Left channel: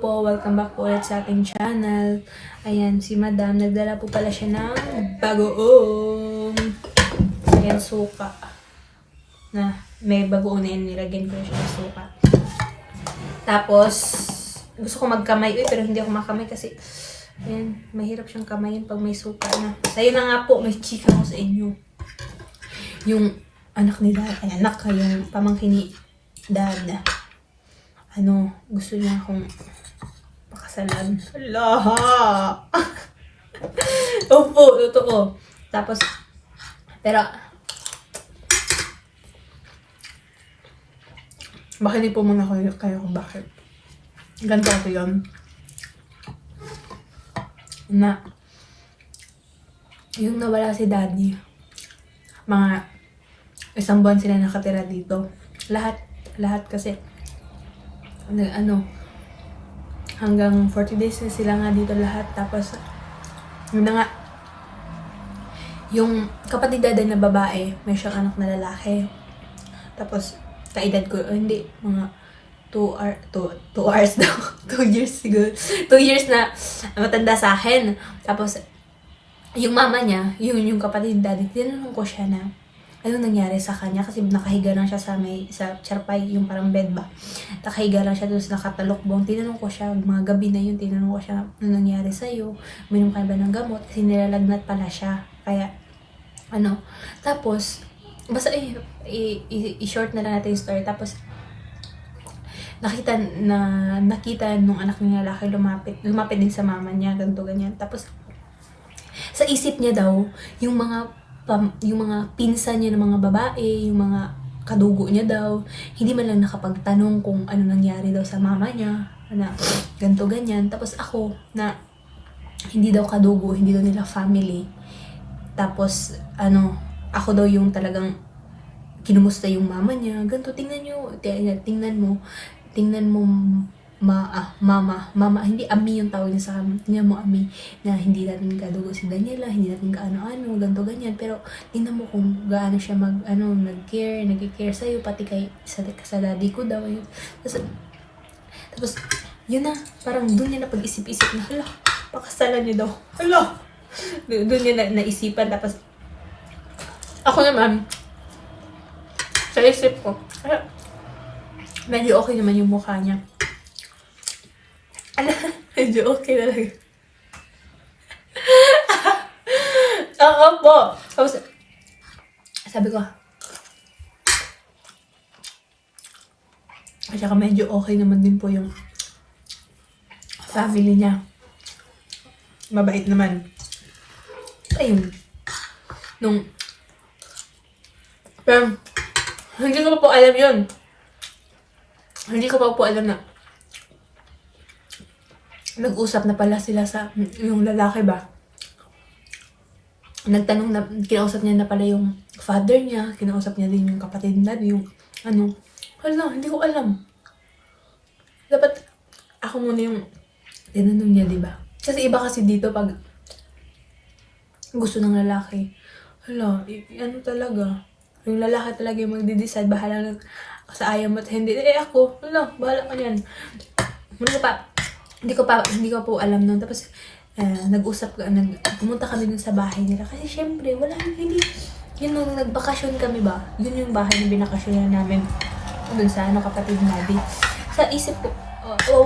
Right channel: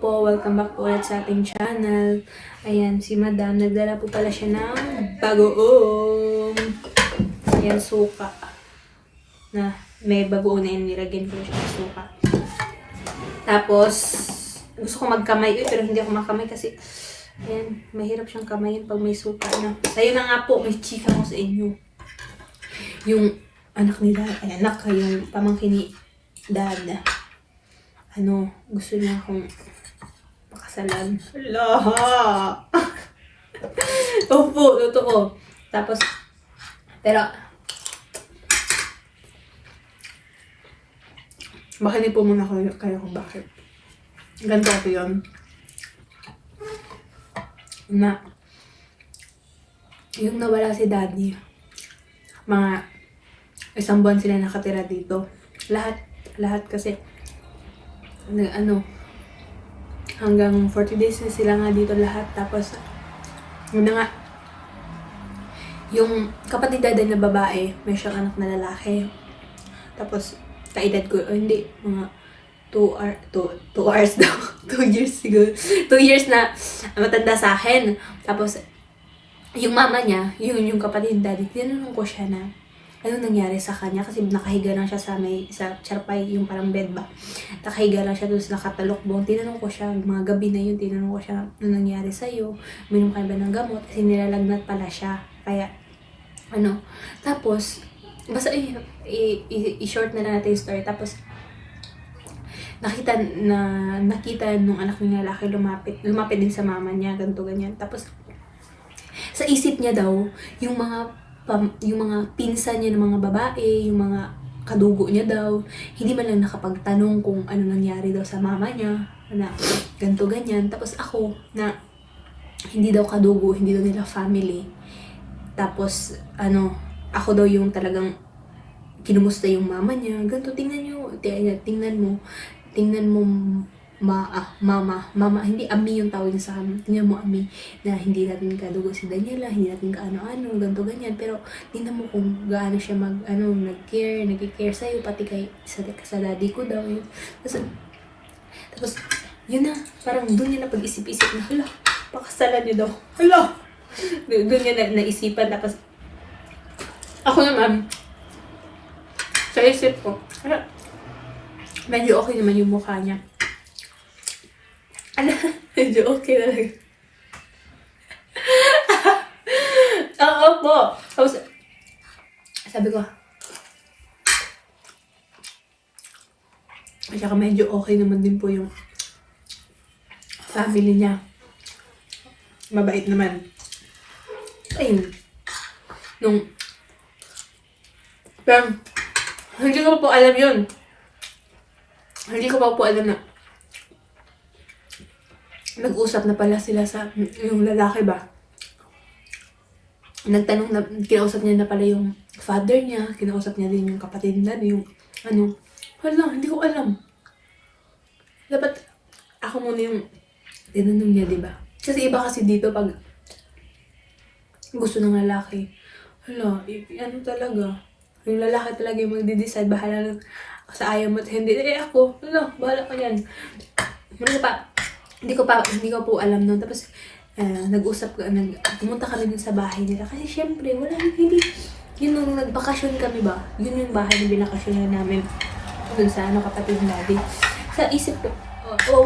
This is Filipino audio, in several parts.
Hello po, welcome back po ulit sa ating channel. Ayan, si Madam, nagdala po pala siya ng bagoong. Ayan, suka. Na, may bagoong na yun, nilagyan ko siya ng suka. Tapos, gusto ko magkamay, pero hindi ako makamay kasi, ayan, mahirap siyang kamayin pag may suka na. Ayun na nga po, may chika ko sa inyo. Yung anak ni Dad, ay anak, yung pamangkin ni Dad. Gusto niya akong pakasalan. Hala! Opo, totoo. Tapos, pero, bakit po muna kayo kung bakit. Ganito ako yun. Na, yung nawala si Daddy, mga 1 buwan sila nakatira dito. Lahat kasi, hanggang 40 days na sila nga dito lahat. Tapos, yun na nga, yung kapatid Daday na babae, may siyang anak na lalaki. Tapos, kaedad ko, hindi, mga 2 hours daw. 2 years siguro. 2 years na matanda sa akin. Tapos, yung mama niya, yung kapatid Daddy, tinanong ko siya na, ano nangyari sa kanya? Kasi nakahiga lang siya sa charpay, yung parang bed ba. Nakahiga lang siya doon sa nakatalokbong. Tinanong ko siya, mga gabi na yun, tinanong ko siya, ano nangyari sa'yo? Minom ka ba ng gamot? Kasi nilalagnat pala siya. Kaya, Tapos, basta i-short na lang natin yung story. Tapos, nakita nung anak niya lalaki lumapit din sa mama niya, ganito, ganyan. Tapos, sa isip niya daw, yung mga pinsan niya ng mga babae, yung mga kadugo niya daw, hindi man lang nakapagtanong kung ano nangyari daw sa mama niya, na ganito, ganyan. Tapos ako, na hindi daw kadugo, hindi daw nila family. Tapos, ako daw yung talagang kinumusta yung mama niya, ganito, tingnan mo, mama, hindi ami yung tawag niya sa amin. Tingnan mo, ami, na hindi natin kadugo si Daniela, hindi natin kaano-ano, ganito, ganyan. Pero, tingnan mo kung gaano siya nag-care sa'yo, pati sa daddy ko daw. Yun. Tapos, yun na, parang doon niya na pag-isip-isip na, hala, pakasalan niya daw. Hala! Doon niya naisipan. Tapos, ako naman, sa isip ko, medyo okay naman yung mukha niya. Medyo okay na lang. Oo po. Tapos, sabi ko, saka medyo okay naman din po yung family niya. Mabait naman. Ayun. Pero, hindi ko pa po alam yun. Hindi ko pa po alam na nag-usap na pala sila sa yung lalaki ba. Nagtanong na, kinausap niya na pala yung father niya, kinausap niya din yung kapatid na, yung hindi ko alam. Dapat ako muna yung tinanong niya, diba? Kasi iba kasi dito pag gusto ng lalaki. Talaga. Yung lalaki talaga yung magde-decide, bahala na sa ayaw mo at hindi. Ako, bahala ka yan. Hindi ko po alam nun. Tapos, pumunta kami dun sa bahay nila. Kasi syempre, yun nung nagbakasyon kami ba? Yun yung bahay na binakasyon namin. Dun sa kapatid Daddy. Sa isip ko,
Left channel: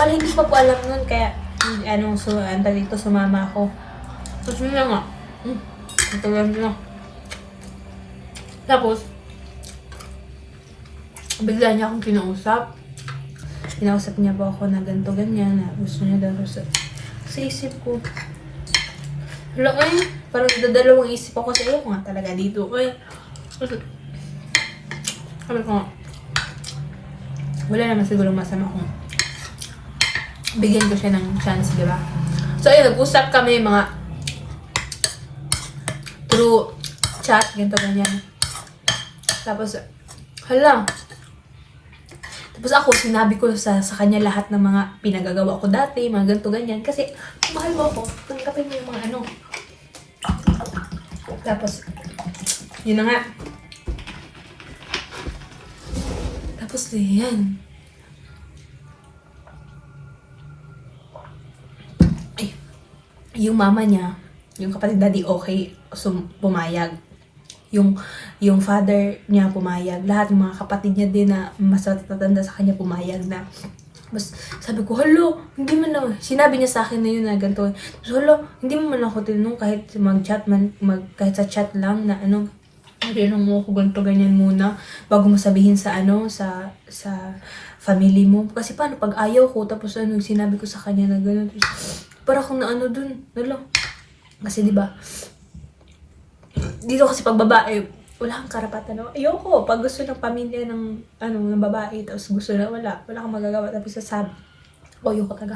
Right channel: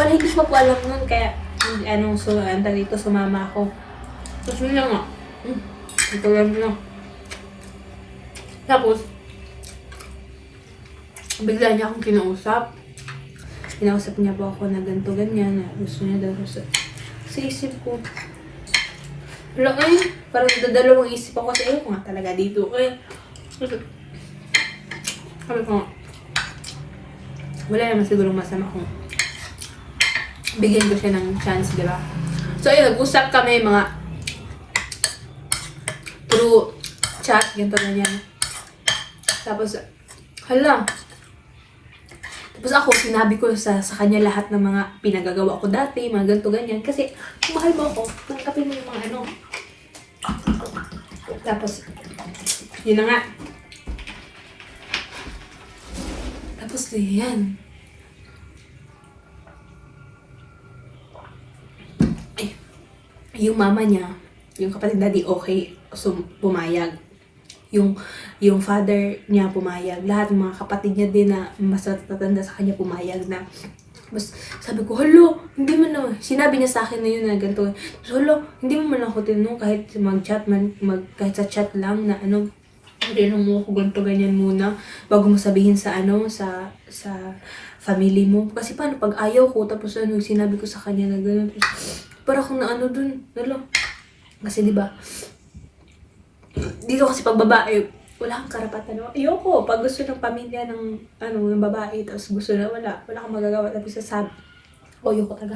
hindi ko pa po alam nun. Kaya, dito sumama ako. Tapos yun nga. Ito lang na. Tapos, bigla niya akong kinausap. Kinausap niya po ako na ganito, ganyan, na gusto niya daw sa isip ko. Parang dadalawang isip ako sa iyo nga talaga dito. Sabi ko, wala naman sigurong masama kung bigyan ko siya ng chance, diba? So, ayun, nag-usap kami mga through chat, ganito, ganyan. Tapos, Tapos ako, sinabi ko sa kanya lahat ng mga pinagagawa ko dati, mga ganito, ganyan. Kasi, kung mahal mo ako, tanggapin mo yung mga Tapos, yun na nga. Tapos, yan. yung mama niya, yung kapatid daddy, okay, so pumayag. Yung father niya pumayag. Lahat ng mga kapatid niya din na mas matatanda sa kanya pumayag na. Mas sabi ko, "Hello, hindi man lang." Sinabi niya sa akin na yun na ganito. So, "Hello, hindi mo man ako tinanong kahit mag-chat man, kahit sa chat lang na ano, tinanong mo ako ganito ganyan muna bago mo sabihin sa ano, sa family mo." Kasi paano pag ayaw ko tapos ano, sinabi ko sa kanya na gano'n. Para akong na ano dun, wala. Kasi 'di ba? Dito kasi pag babae, wala kang karapatan. No? Ayoko. Pag gusto ng pamilya ng, ng babae, tapos gusto na wala kang magagawa. Tapos sasabi, ayoko talaga.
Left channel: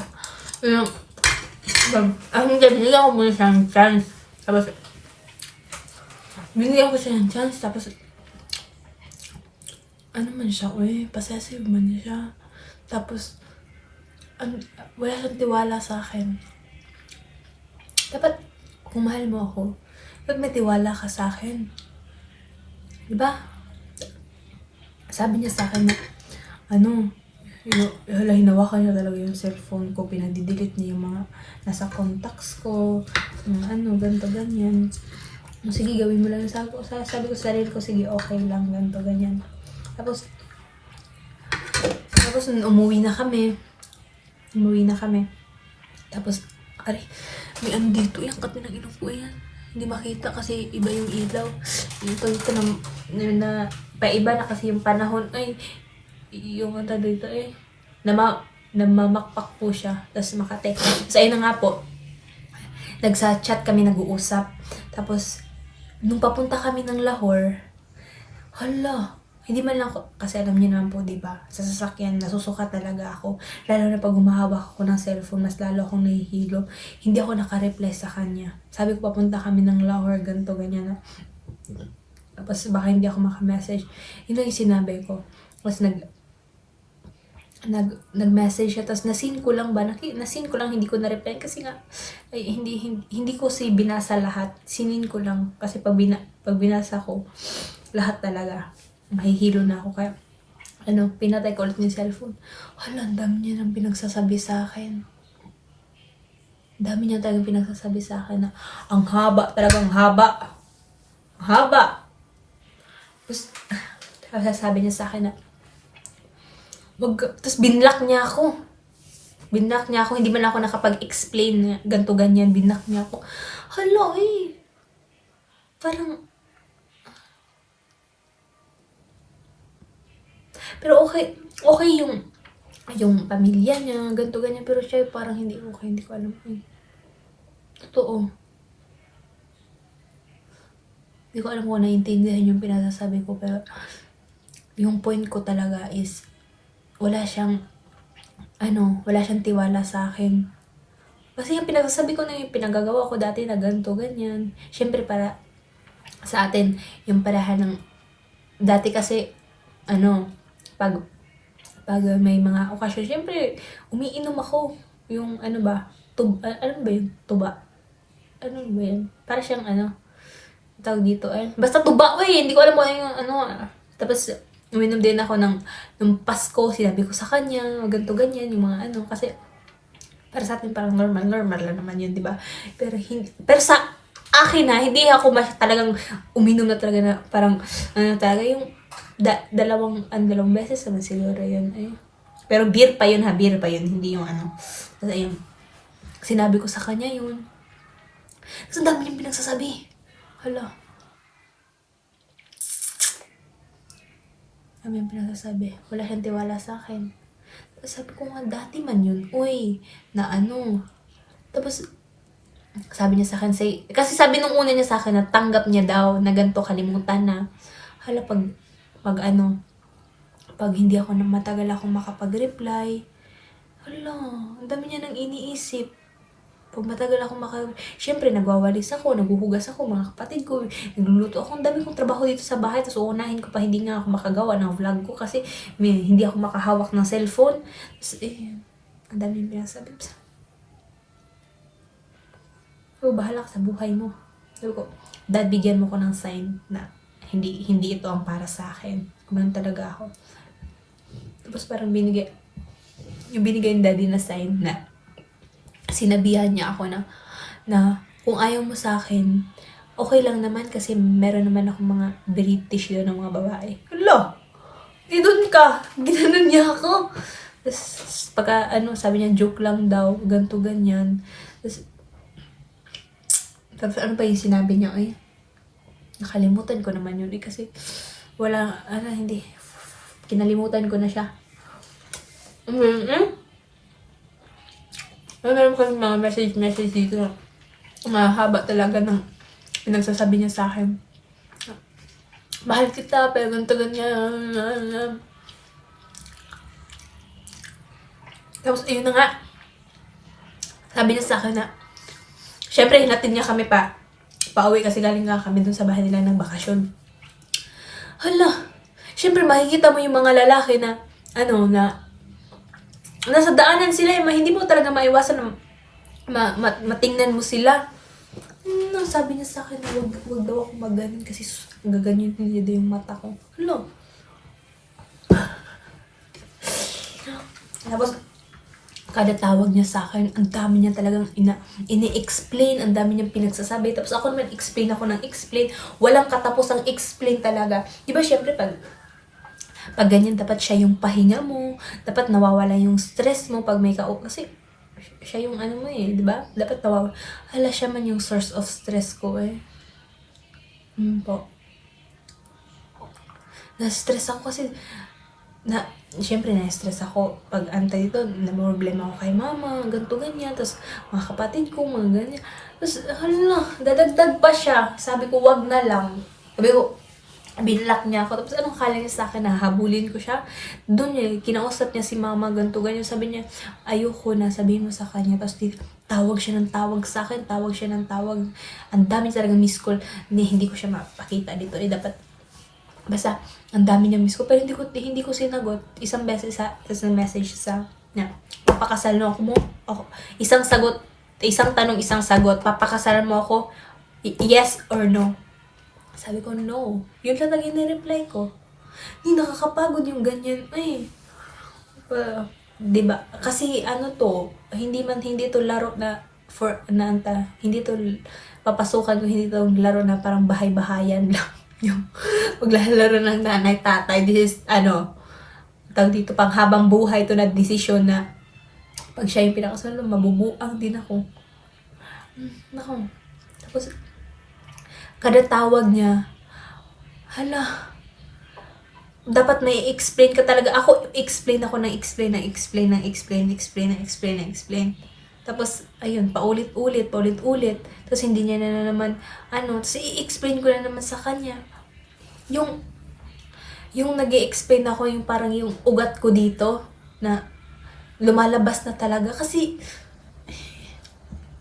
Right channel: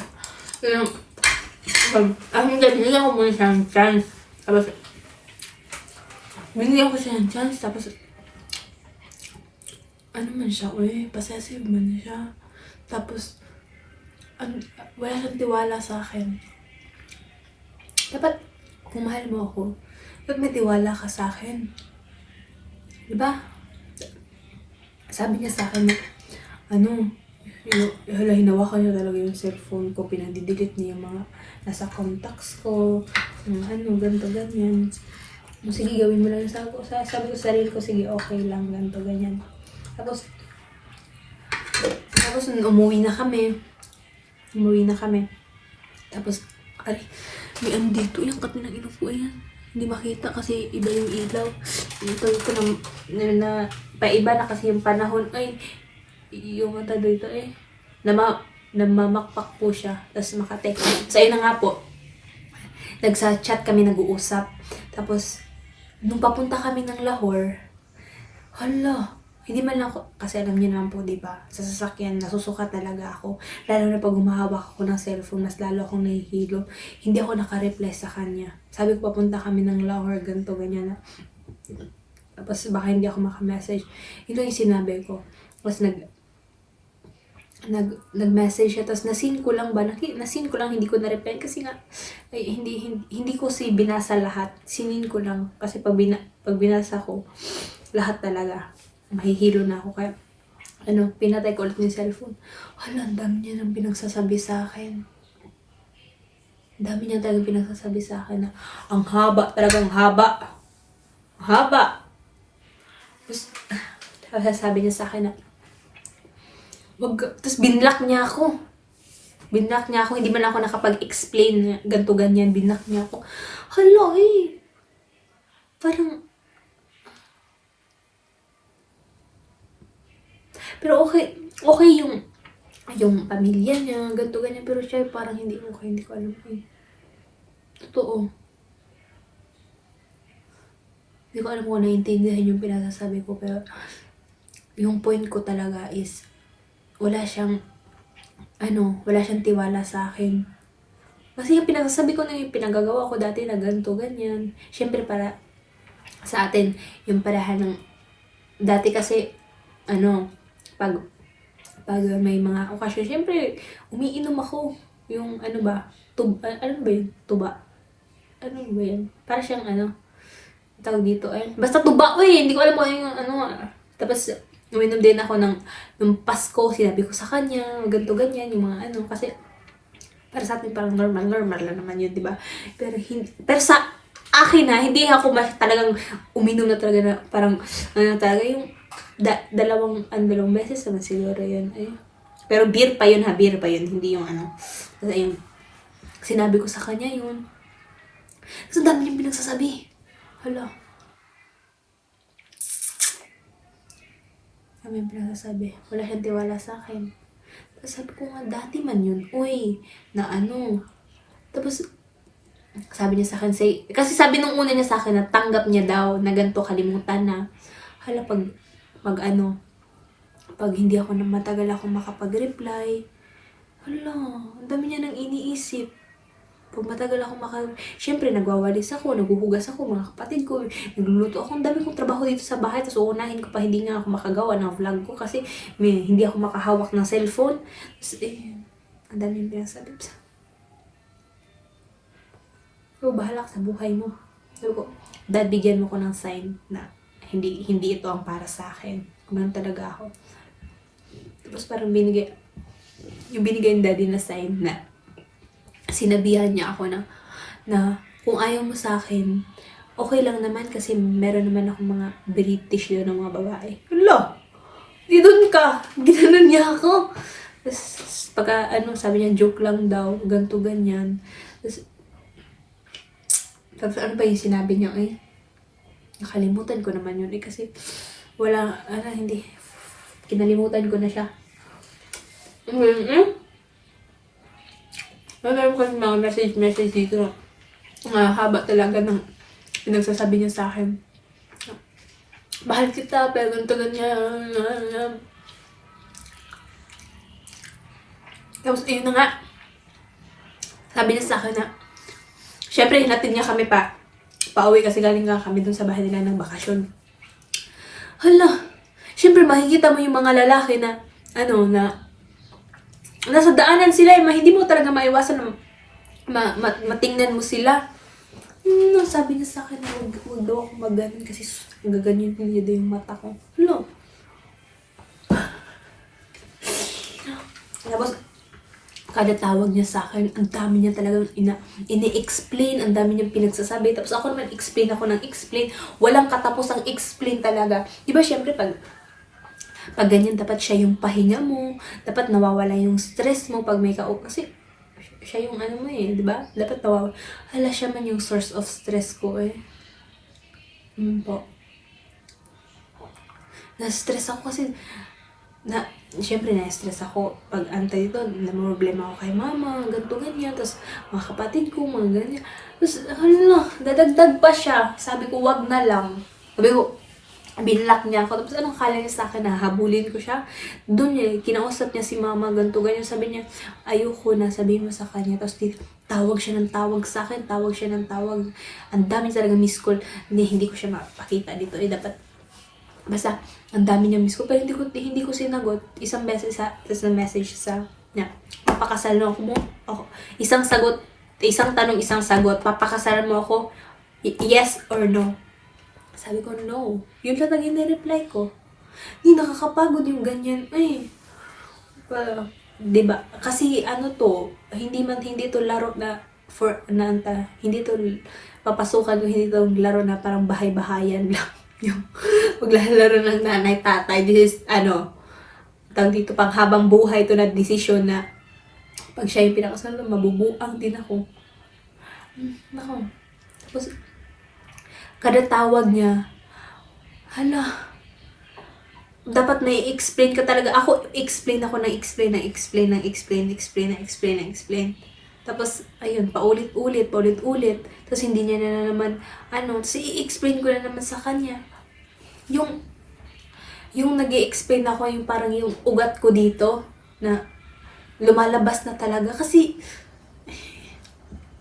Kaya, binigyan ko muna siyang chance. Tapos, binigyan ko siya ng chance. Tapos, ano man siya, possessive man siya. Tapos, wala siyang tiwala sa akin. Dapat, kung mahal mo ako, dapat may tiwala ka sa akin. Diba? Sabi niya sa akin na, hinawakan niya talaga yung cellphone ko, pinadidelete niya yung mga nasa contacts ko, ganito, ganyan. Sige, gawin mo lang yung sabi ko sa sarili ko, sige, okay lang, ganito, ganyan. Tapos umuwi na kami. Tapos, may dito, yung kat na inupo yan. Hindi makita kasi iba yung ilaw. Ito na paiba na kasi yung panahon. Yung dito namamakpak po siya. Tapos Makati. So, ayun na nga po. Nagsa-chat kami, nag-uusap. Tapos, nung papunta kami ng Lahore, hindi man lang ako, kasi alam niyo naman po, diba? Sa sasakyan, nasusuka talaga ako. Lalo na pag humahawak ako ng cellphone, mas lalo akong nahihilo. Hindi ako nakareply sa kanya. Sabi ko, papunta kami ng Lahore, ganito, ganyan. Tapos baka hindi ako makamessage. Yun lang yung sinabi ko. Tapos nag-message siya. Tapos nasin ko lang, hindi ko na-reply. Kasi nga, hindi ko binasa lahat. Sinin ko lang. Kasi pag binasa ko, lahat talaga. Mahihilo na ako kaya pinatay ko ulit yung cellphone. Ang dami niya nang pinagsasabi sa akin. Dami niya talagang pinagsasabi sa akin na ang haba, talagang haba. Tapos sabi niya sa akin na tapos binlock niya ako. Hindi man ako nakapag-explain na ganto ganyan, binlock niya ako. Parang pero okay yung pamilya niya, ganito, ganyan. Pero siya parang hindi okay, hindi ko alam. Totoo. Hindi ko alam kung naiintindihan yung pinasasabi ko, pero yung point ko talaga is wala siyang tiwala sa akin. Kasi yung pinagsasabi ko na yung pinagagawa ko dati na ganito, ganyan. Siyempre para sa atin, yung parahan ng dati kasi, pag may mga okasyon, syempre, umiinom ako. Yung, ano ba yun? Tuba. Ano ba yun? Para siyang, tawag dito, basta tuba, hindi ko alam kung yung, Tapos, uminom din ako ng Pasko, sinabi ko sa kanya, ganito, ganyan, yung mga kasi, para sa atin parang normal lang naman yun, diba? Pero sa akin hindi ako talagang uminom na talaga na parang, talaga yung, dalawang beses naman siguro yun. Pero beer pa yun, hindi yung Tapos ayun, sinabi ko sa kanya yun. Tapos ang dami niyang pinagsasabi. Dami niyang pinagsasabi. Wala siyang tiwala sa akin. Tapos sabi ko nga, dati man yun. Tapos sabi niya sa akin, kasi sabi nung una niya sa akin na tanggap niya daw na ganito, kalimutan na. Pag hindi ako matagal akong makapag-reply, ang dami niya nang iniisip. Pag matagal akong siyempre nagwawalis ako, naguhugas ako, mga kapatid ko, nagluluto ako, ang dami kong trabaho dito sa bahay, tapos uunahin ko pa, hindi nga ako makagawa ng vlog ko kasi hindi ako makahawak ng cellphone. Tapos, ang dami yung pinasabi. So, bahala ka sa buhay mo. Sabi ko, Dad, bigyan mo ko ng sign na hindi ito ang para sa akin. Kumain talaga ako. Tapos parang binigay yung daddy na sign na sinabihan niya ako na na kung ayaw mo sa akin, okay lang naman kasi meron naman akong mga British doon ng mga babae. Hala! Di doon ka! Ginanon niya ako. Tapos, pagka, sabi niya, joke lang daw, ganto ganyan. Tapos ano pa yung sinabi niya, nakalimutan ko naman yun, kasi, hindi, kinalimutan ko na siya. Meron ko mga message dito, haba talaga ng pinagsasabi niya sa akin. Mahal kita, pero ganito ganyan. Tapos, ayun na nga. Sabi niya sa akin na, syempre, hinatid niya kami pauwi kasi galing nga kami dun sa bahay nila ng bakasyon. Hala, syempre, makikita mo yung mga lalaki na, nasa daanan sila, hindi mo talaga maiwasan na matingnan mo sila. Sabi niya sa akin na wag daw ako maganin kasi gaganyan niya daw yung mata ko. Hala. Tapos, kada tawag niya sa akin, ang dami niya talagang ini-explain, ang dami niyang pinagsasabi. Tapos ako naman explain ako ng explain. Walang katapos ang explain talaga. Diba syempre pag ganyan, dapat siya yung pahinga mo, dapat nawawala yung stress mo pag may kasi siya yung diba? Dapat nawawala. Hala, siya man yung source of stress ko po. Na-stress ako kasi siyempre na-stress ako pag antay dito, problema ako kay mama, ganito ganyan, tapos mga kapatid ko, mga ganyan. Tapos, dadagdag pa siya. Sabi ko, wag na lang. Sabi ko, binlock niya ako. Tapos anong kala niya sa akin, nahabulin ko siya. Doon kinausap niya si mama, ganito ganyan. Sabi niya, ayoko na, sabihin mo sa kanya. Tapos tawag siya ng tawag sa akin, tawag siya ng tawag. Ang dami talaga miss call. Hindi ko siya mapakita dito. Dapat basta, ang dami niya miss ko. Pero hindi ko sinagot. Isang beses tapos na message sa papakasal mo ako. Isang tanong, isang sagot. Papakasalan mo ako? Yes or no? Sabi ko, no. Yun lang lagi na-reply ko. Hindi, nakakapagod yung ganyan. Diba? Kasi hindi to laro na hindi to papasukan ko, hindi to laro na parang bahay-bahayan lang. Yung maglalaro ng nanay, tatay, this is, tawag dito, pang habang buhay to na desisyon na pag siya yung pinakasal, mabubuang din ako. Tapos, kada tawag niya, hala, dapat na-i-explain ka talaga. Explain ako. Tapos, ayun, paulit-ulit. Tapos, hindi niya na naman, tapos i-explain ko na naman sa kanya. Yung nag-i-explain ako, yung parang yung ugat ko dito, na lumalabas na talaga. Kasi,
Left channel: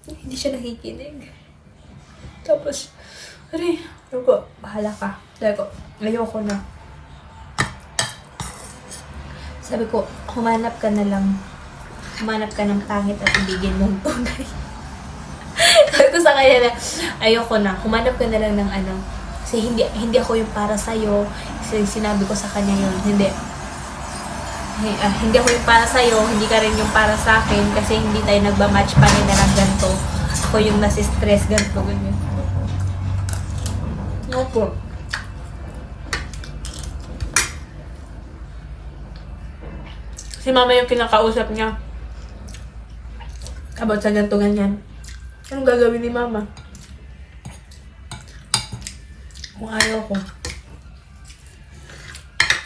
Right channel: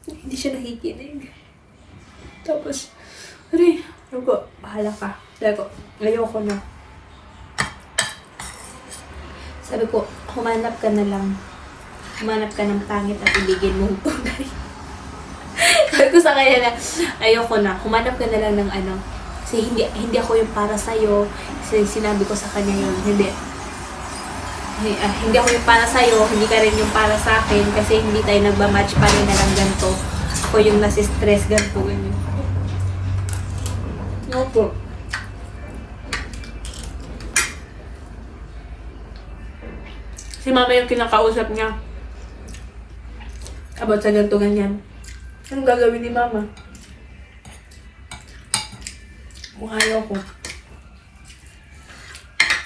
hindi siya nakikinig. Tapos, sabi ko, bahala ka. Sabi ko, ayoko na. Sabi ko, humanap ka ng pangit at ibigin mong tunay. Sabi ko sa kanya na, ayoko na, humanap ka na lang ng kasi hindi ako yung para sa'yo. Kasi sinabi ko sa kanya yun, hindi ako yung para sa'yo, hindi ka rin yung para sa akin, kasi hindi tayo nagba-match pa rin na ng ganito. Ako yung nasi-stress, ganito, ganyan. Opo. Si mama yung kinakausap niya about sa ganito ganyan. Anong gagawin ni mama? Kung ayaw ko.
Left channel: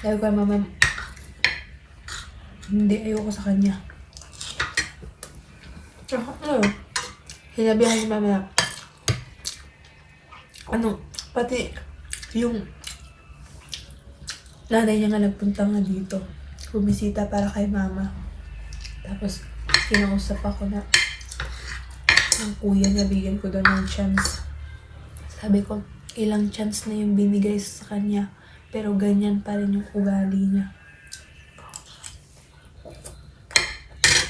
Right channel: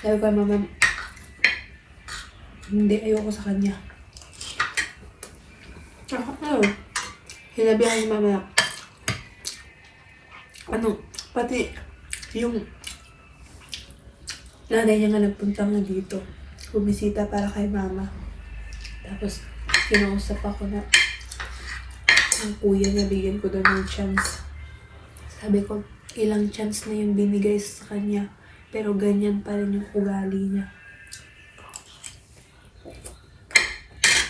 Sabi ko, mama, hindi, ayoko sa kanya. Sinabihan ni mama, pati yung nanay niya nga nagpunta nga dito. Bumisita para kay mama. Tapos, kinausap ako na ng kuya niya, bigyan ko daw ng chance. Sabi ko, ilang chance na yung binigay sa kanya, pero ganyan pa rin yung ugali niya.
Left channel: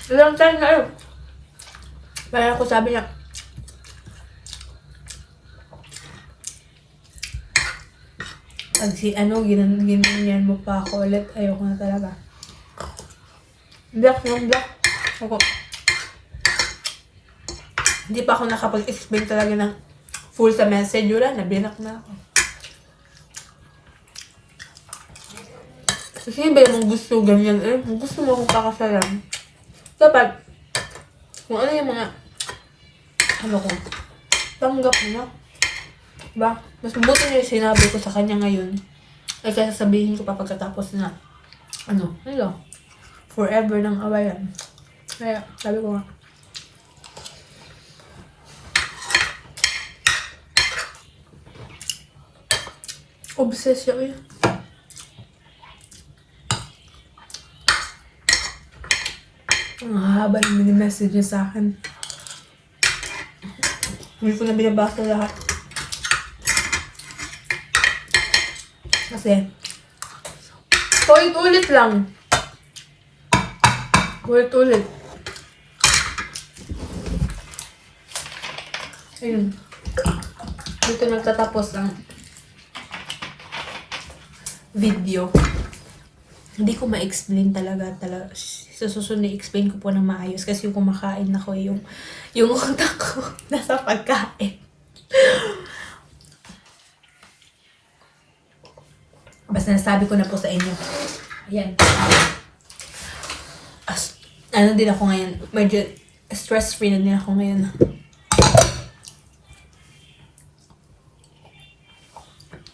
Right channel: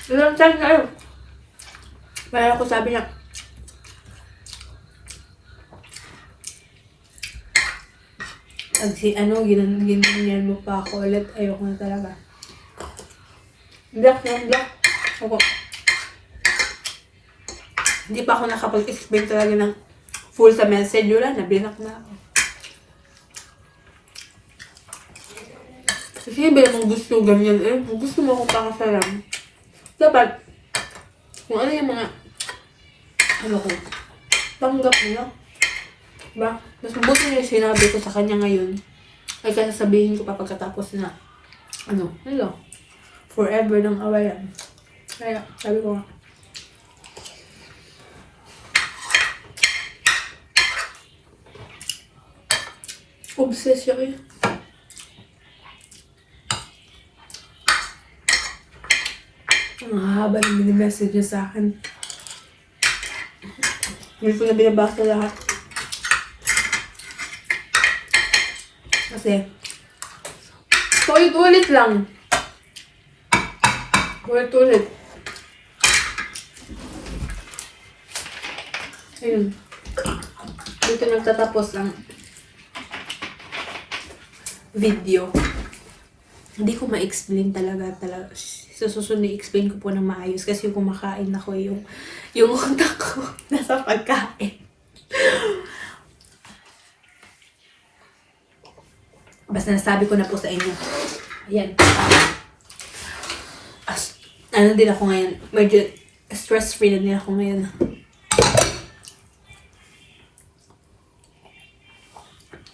Ilang chance na yun. Kaya ako sabi niya, pag ginanyan mo pa ako ulit, ayoko na talaga. Block. Ako. Hindi pa ako nakapag-explain talaga ng full sa message. Wala na, binak na ako. Kasi ba yung gusto ganyan eh? Gusto mo akong pakasalan. Dapat, kung ano yung mga, ano ko, tanggap mo na. Diba? Mas mabuti niya yung sinabi ko sa kanya ngayon. Ay kaya sasabihin ko pa pagkatapos na, ano, forever ng awayan. Kaya, sabi ko nga, obsessed siya eh. Ang haba na mini-message niya sa akin. Hindi ko na binabasa lahat. Kasi, ulit-ulit lang. Ulit-ulit. Ayun. Dito nagtatapos ang video. Hindi ko ma-explain talaga. Sa susunod i-explain ko po ng maayos kasi yung kumakain ako yung utak ko nasa pagkain. Basta nasabi ko na po sa inyo. Ayan. Ano din ako ngayon. Medyo stress-free na din ako ngayon.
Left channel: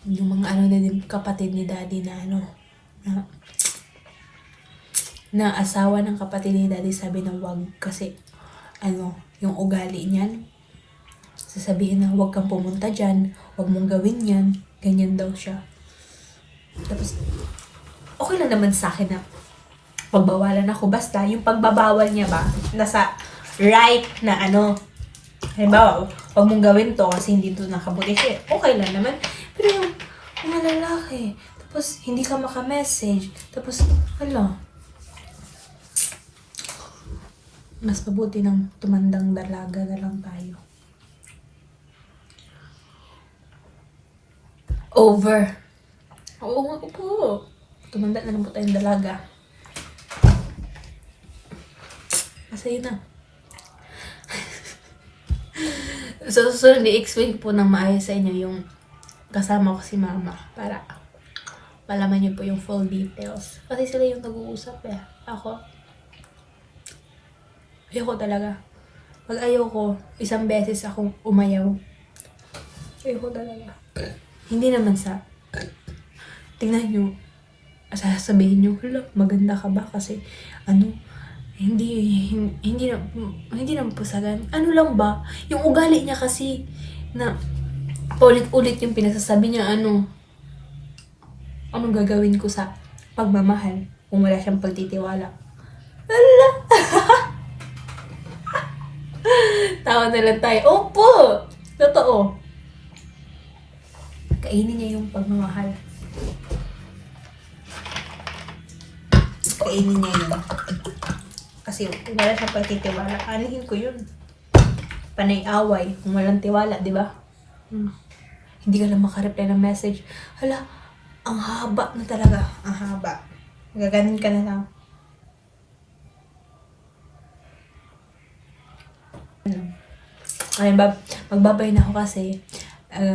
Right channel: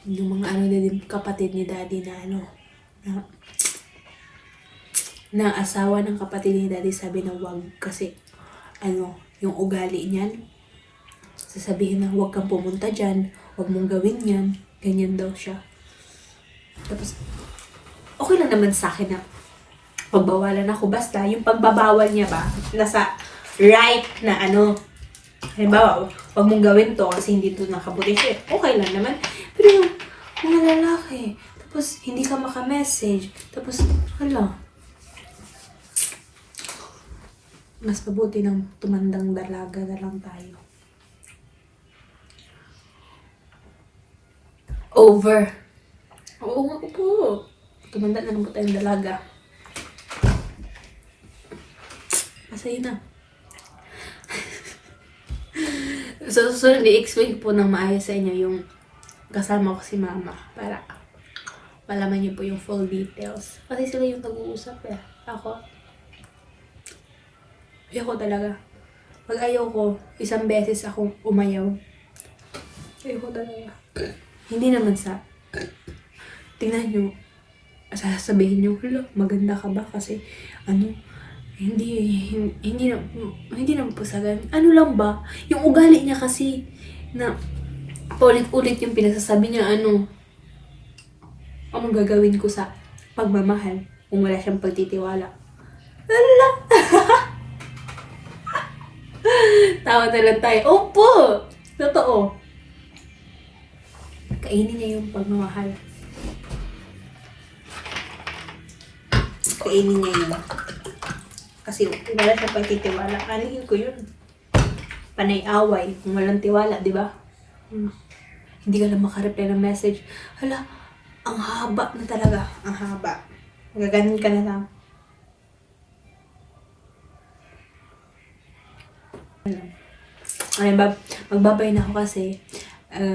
Yung mga ano din kapatid ni daddy na na asawa ng kapatid ni daddy sabi na wag kasi yung ugali niyan sasabihin na wag kang pumunta dyan, wag mong gawin yan, ganyan daw siya. Tapos okay lang naman sa akin na pagbawalan ako, basta yung pagbabawal niya ba nasa right na halimbawa wag mong gawin to kasi hindi to nakabuti siya, okay lang naman. Pero yung mga lalaki tapos hindi ka maka-message tapos mas mabuti ng tumandang dalaga na lang tayo. Over. Oo nga po. Tumanda na lang po tayong dalaga. Masaya na. So, i-explain po ng maayos sa inyo yung kasama ko si mama para malaman niyo po yung full details. Kasi sila yung nag-uusap eh. Ayoko talaga. Pag ayoko, isang beses akong umayaw. Ayoko talaga. Hindi naman sa tingnan nyo, sasabihin nyo, maganda ka ba? Kasi, hindi naman po sa ganun. Ano lang ba? Yung ugali niya kasi, na ulit-ulit yung pinasasabi niya, anong gagawin ko sa pagmamahal kung wala siyang pagtitiwala. Hala! Tawa na lang tayo. Opo! Totoo. Kainin niya yung pagmamahal. Kainin niya yun. Kasi wala siyang pagtitiwala. Anihin ko yun. Panay away. Kung walang tiwala, di ba? Hindi ka lang makareply ng message. Hala, ang haba na talaga. Ang haba. Gaganin ka na lang. Ayun, magbabay na ako kasi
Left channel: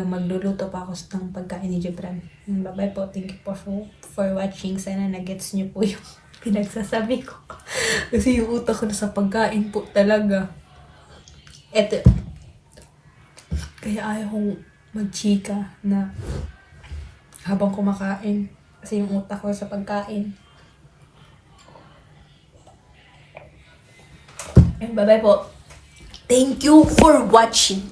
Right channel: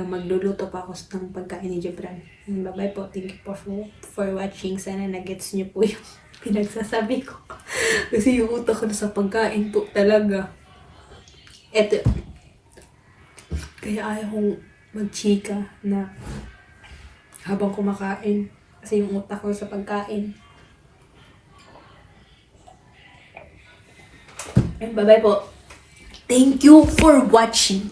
magluluto pa ako ng pagkain ni Gibran. Bye-bye po. Thank you po for watching. Sana nagets niyo po yung pinagsasabi ko. Kasi yung utak ko na sa pagkain po talaga. Eto. Kaya ayaw kong magchika na habang kumakain. Kasi yung utak ko sa pagkain. Bye-bye po. Thank you for watching.